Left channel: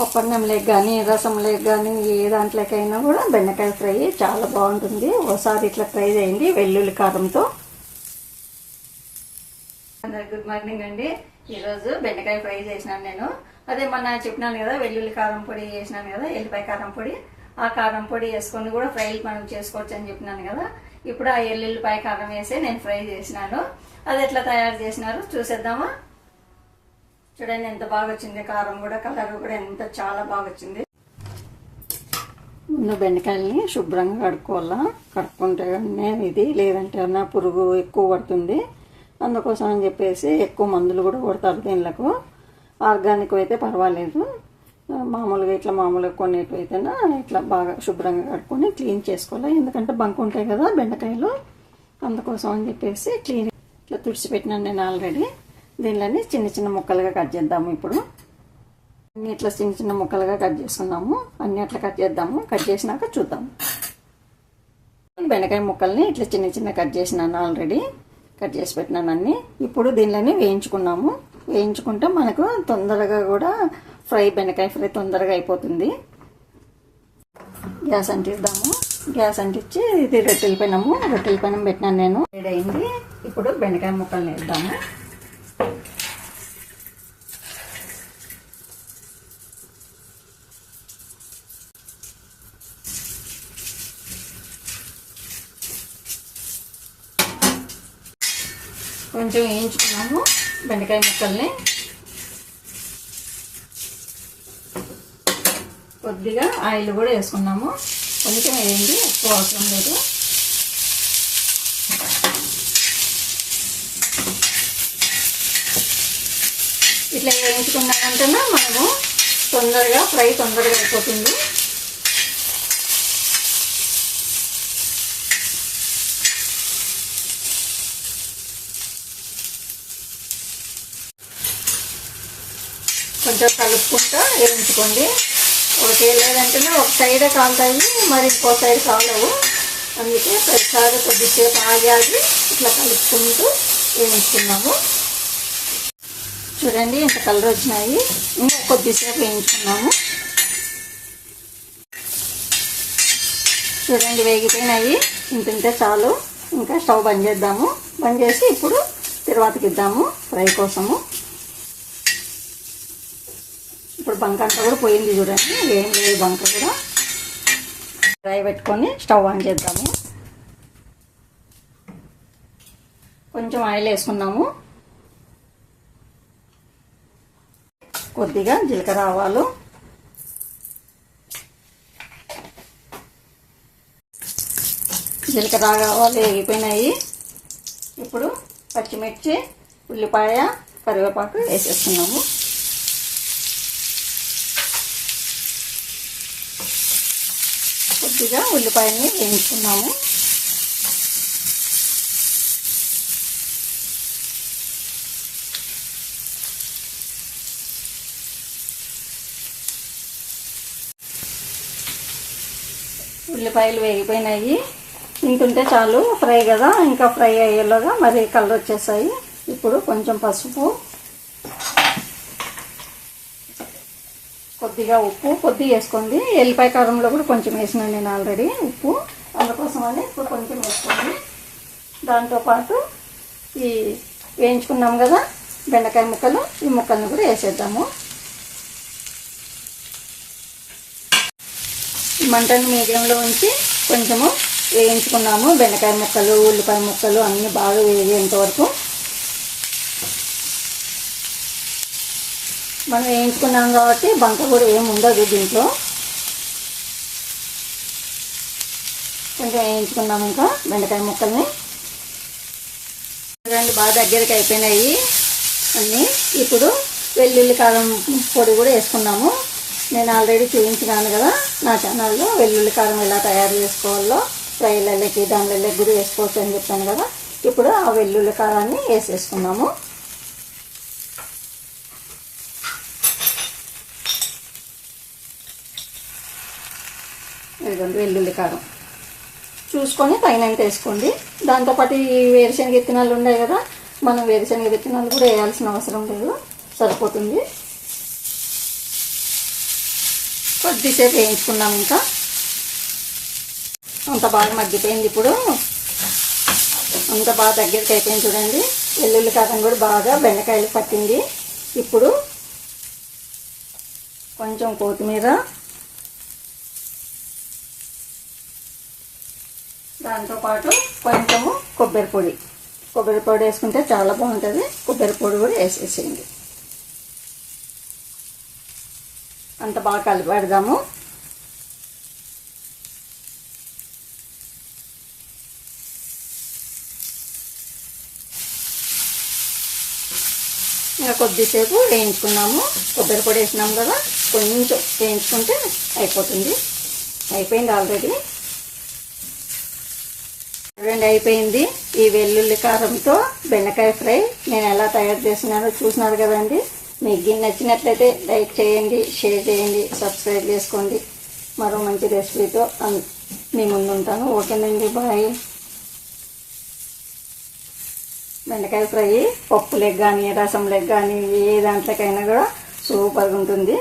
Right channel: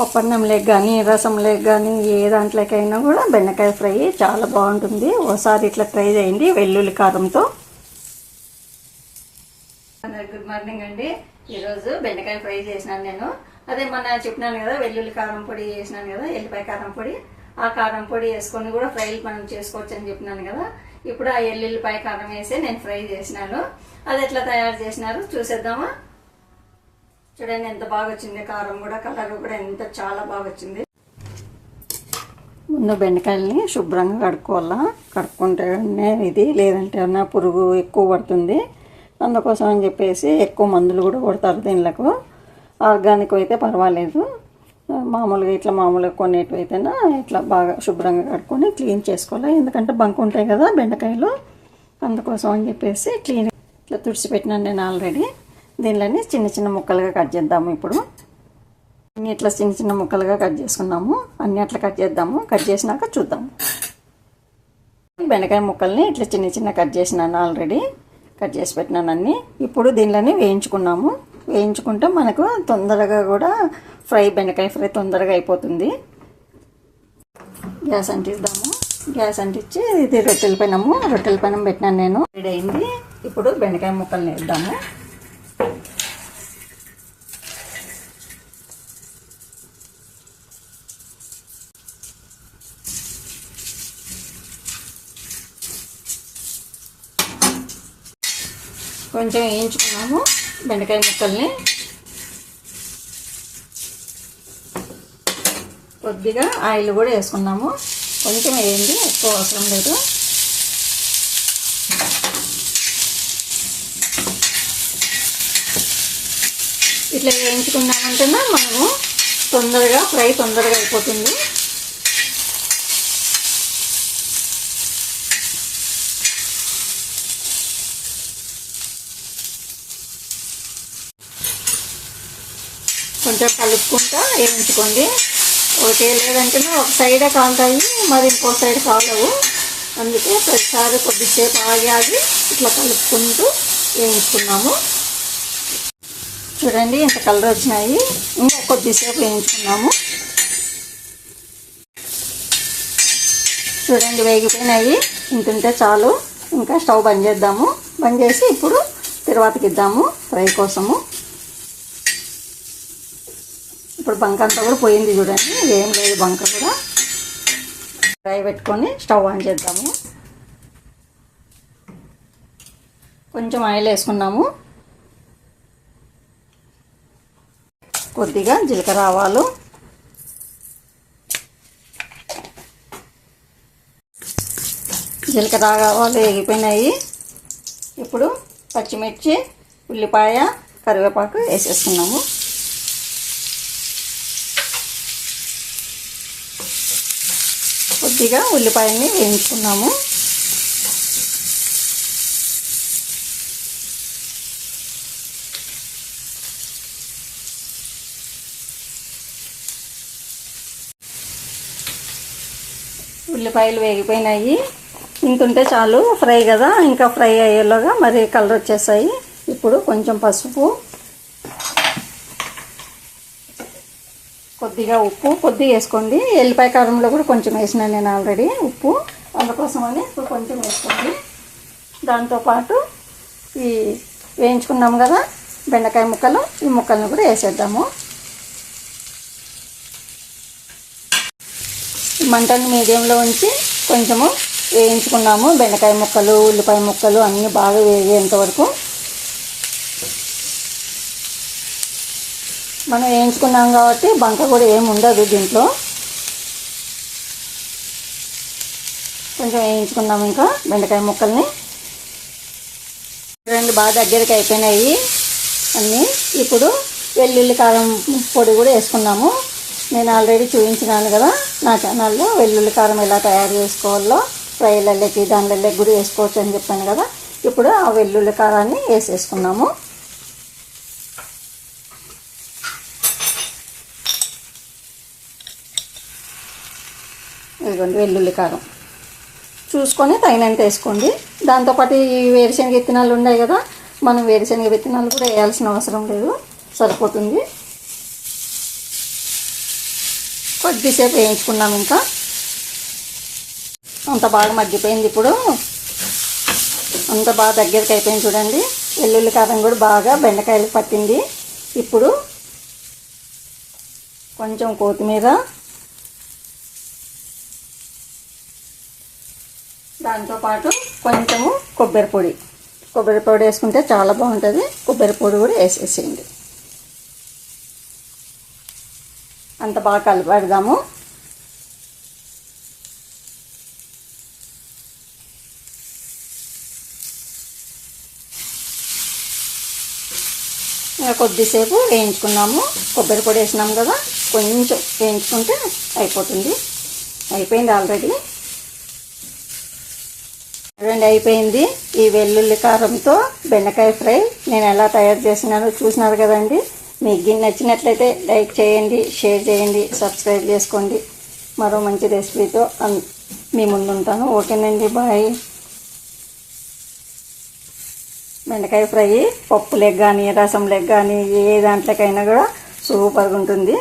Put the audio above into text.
పప్పన్నంలోకి కానీ రసంలోకి కానీ ఏ దాంట్లోకైనా కూడా బెండకాయ ఫ్రై చాలా బాగుంటుంది. ఒకసారి ఇట్లా ట్రై చేయండి వెల్లుల్లి కారంతో. గుడ్ మార్నింగ్ అండి. ఈరోజు బెండకాయ ఫ్రై చేసినాను నేను. అదే మొన్న చెప్పినాను కదా వెల్లుల్లి కారం పొడి చేసినాను కదా, ఎల్లిపాయ కారం పొడి. ఆ కారం పొడి వేసుకొని కూడా ఫ్రైలు మనం చేసుకోవచ్చు అని చెప్పినాను కదా. ఇప్పుడు ఆ ఎల్లుల్లిపాయ కారం వేసి నేను ఫ్రై చేసినాను. అది ఎట్లా తయారు చేసినారు చూసేద్దామా. చూడండి ఎంత బాగా వచ్చింది, కారం కూడా కలర్ కూడా ఎంత చాలా బాగా వచ్చింది. ముందు బెండకాయలని శుభ్రంగా కడుక్కోవాలా. కడుక్కుంటేనే ఇది, లేదంటే అన్న పురుగు ఎక్కువ పడుతుంది. అందుకోసం అని చెప్పేసి ఎక్కువ మందులు కూడా కొడతారు దీనిలకు. ఆర్గానిక్ అయితే పర్వాలేదు, మామూలుగా ఇట్లా మామూలుగా కొనేటివి అయితేనా ఇట్లా బాగా శుభ్రంగా కడుక్కొని క్లీన్ చేసుకోవాలి. ఎందుకంటే బంకు ఉంటాయి కదా బెండకాయలు, అందుకోసం అని చెప్పేసి క్లీన్ ఇట్లా తుడిచిపెట్టినాను నేను ఆల్రెడీ. దీనిలోని చిన్న చిన్న ముక్కలుగా కట్ చేద్దాము. ఇప్పుడు అన్ని ఇట్లా చిన్న చిన్న ముక్కలుగా కట్ చేసుకున్నాము. అన్ని అట్లా కట్ చేద్దాము. కట్ చేసినాక చూద్దాము. బెండకాయ ముక్కల్ని ఇట్లా చిన్న చిన్న కట్ చేసినాను ఆల్రెడీ, కట్ చేసి పెట్టినాను అన్ని. ఇప్పుడు దీనిలోని వేయించుకున్నాము. వేయించుకుంటే మనకు తొందరగా కూడా బెండకాయ ఫ్రై తొందరగా అయిపోతుంది. గ్యాస్ అంటిద్దాము. గ్యాస్ అంటించి ఇది రొట్టెల పెనం పెట్టినాను నేను. రెడీ అయింది. ఇప్పుడు బెండకాయ ముక్కల్ని వేద్దాము. కొంచెం వేయించుకున్నాము బెండకాయ ముక్కల్ని. కొద్దిగా ఆయిల్ కూడా వేసుకున్నాము. కొంచెం వేయండి, ఎక్కువ అవసరం లేదు. ఇట్లా వేయించుకున్నామంటేనే మనము ఫ్రై తొందరగా అయిపోతుంది. కొంచెం కలుపుకుంటా వేయించుకోండి. ఒకటే లేదంటేనే ఒక సైడే కాలుతాయి, మరి ఇంకో సైడ్ కాలవు. అందుకే ప్రతిసారి కొద్దిసేపు ఆగి ఇట్లా కలుపుకుంటూ వేయించుకున్నాము. చూడండి ఇంత కలర్ వచ్చినాయి. ఇంకా కొద్దిసేపు వేయించుకున్నాము. చూడండి వేగిపోయినాయి. ఇంతుంటే చాలు. ఇంకా స్టవ్ బంద్ చేద్దాము. బంద్ చేసి ఇప్పుడు తిరువాతకి ఇద్దాము ఫ్రై కోసము. ఇప్పుడు బంక అంతా కూడా పోయింది చూడండి, ఏం లేదు బంక కూడా. ఫ్రై పెట్టుకొని స్టవ్ ఆన్ చేద్దాము. కొంచెం ఆయిల్ వేసుకున్నాము. కొద్దిగా జీలకర్ర ఆవాలు, వేగిపోయినాయి. ఇప్పుడు పచ్చిమిర్చి, ఉల్లిపాయ, కరివేపాకు వేసేస్తున్నాము. కొద్దిగా ఉల్లిపాయని వేయించుకున్నాము. ఉల్లిపాయలు వేగిపోయినాయి. ఇంతుంటే చాలు ఫ్రై కదా, ఇంకా ఫ్రై అయ్యేలోగా మరి కలర్ వచ్చేసాయి. ఇప్పుడు కొంచెం పసుపు, కొద్దిగా ఉప్పు కొద్దిగా వేసుకోండి. ఎల్లిపాయ కారంలో కూడా కొంచెం వేసినాను నేను ఆల్రెడీ ఉప్పు, అందుకోసమని ఇప్పుడు కొంచెం వేసుకోండి. దాంతోపాటు ఈ వేయించుకున్నాం కదా బెండకాయ ముక్కలు, ఈ ముక్కలను కూడా వేసేద్దాము. మంటని మీడియంలో ఉంచి కొంచెము వేయించుకున్నాము. బెండకాయ ముక్కలు, ఉల్లిపాయ ముక్కలు అన్నీ బాగా వేగేంత వరకు మనం వేయించుకున్నాం కాబట్టి బంక కూడా ఏమి ఉండదు దీంట్లో. కొంచెం వేయించుకున్నాము ఇంకా బెండకాయ ముక్కల్ని. రెండు బాగా దగ్గరికి అయిపోయినాయి అన్నీ. ఇప్పుడు వెల్లుల్లి కారం పొడి కూడా వేసుకున్నాము. నేను ఆల్రెడీ చూపించినాను కదా నా ఛానల్లో వెల్లుల్లి కారం ఎలా తయారు చేసుకోవాలో, ఫ్రైలకి దానిలకి కూడా వేసుకోవచ్చు అని చెప్పాను కదా. ఇప్పుడు ఆ వెల్లుల్లి కారాన్ని వేసేసుకున్నాము. ఇదిగోండి వెల్లుల్లి కారం చూసుకొని తగినంత వేసుకోండి. దాంతోపాటు ఈ వేరుశనగ విత్తనాలు ఉన్నాయి కదా, మనం వేరుశనగ విత్తనాలు కూడా వేయాల్సిన అవసరం లేదు, సరిపోతుంది. కొద్దిసేపు వేయించుకున్నాం. ఇంకా అంత బాగా మగ్గిపోయింది. ఇప్పుడు అంత బాగా దగ్గరికి అయిపోయింది చూడండి. వెల్లుల్లి కారం కూడా బాగా బెండకాయలకు పట్టింది. ఇప్పుడు కొంచెం కొత్తిమీర, దాంతోపాటు కొంచెము కొబ్బరి పొడి వేసుకుంటే చాలా బాగుంటుంది. కొబ్బరి పొడి కూడా వేసేసేయండి. అంత బాగా కలిపెడదాము. ఇంకా కొద్దిసేపు వేయించుకున్నాము. కొబ్బరి పొడి వేసినాము కదా, కొంచెం వేయించుకుంటే అయిపోతుంది. అయిపోయింది ఆల్రెడీ. చూడండి అయిపోయింది. ఈ వెల్లుల్లి కారంతో బెండకాయ ఫ్రై నేను ఎలా తయారు చేసినానో చూసినారు కదండి. మీకు నచ్చినట్లయితే లైక్ చేయండి, షేర్ చేయండి, సబ్స్క్రైబ్ చేసుకోండి. మరో మంచి రెసిపీతో మీ ముందు ఉంటాను. ఓకేనండి, బాయ్. బెండకాయ ఫ్రై పప్పులకు కానీ రసంలకు కానీ ఏ దాంట్లోకైనా కూడా సూపర్గా ఉంటుంది.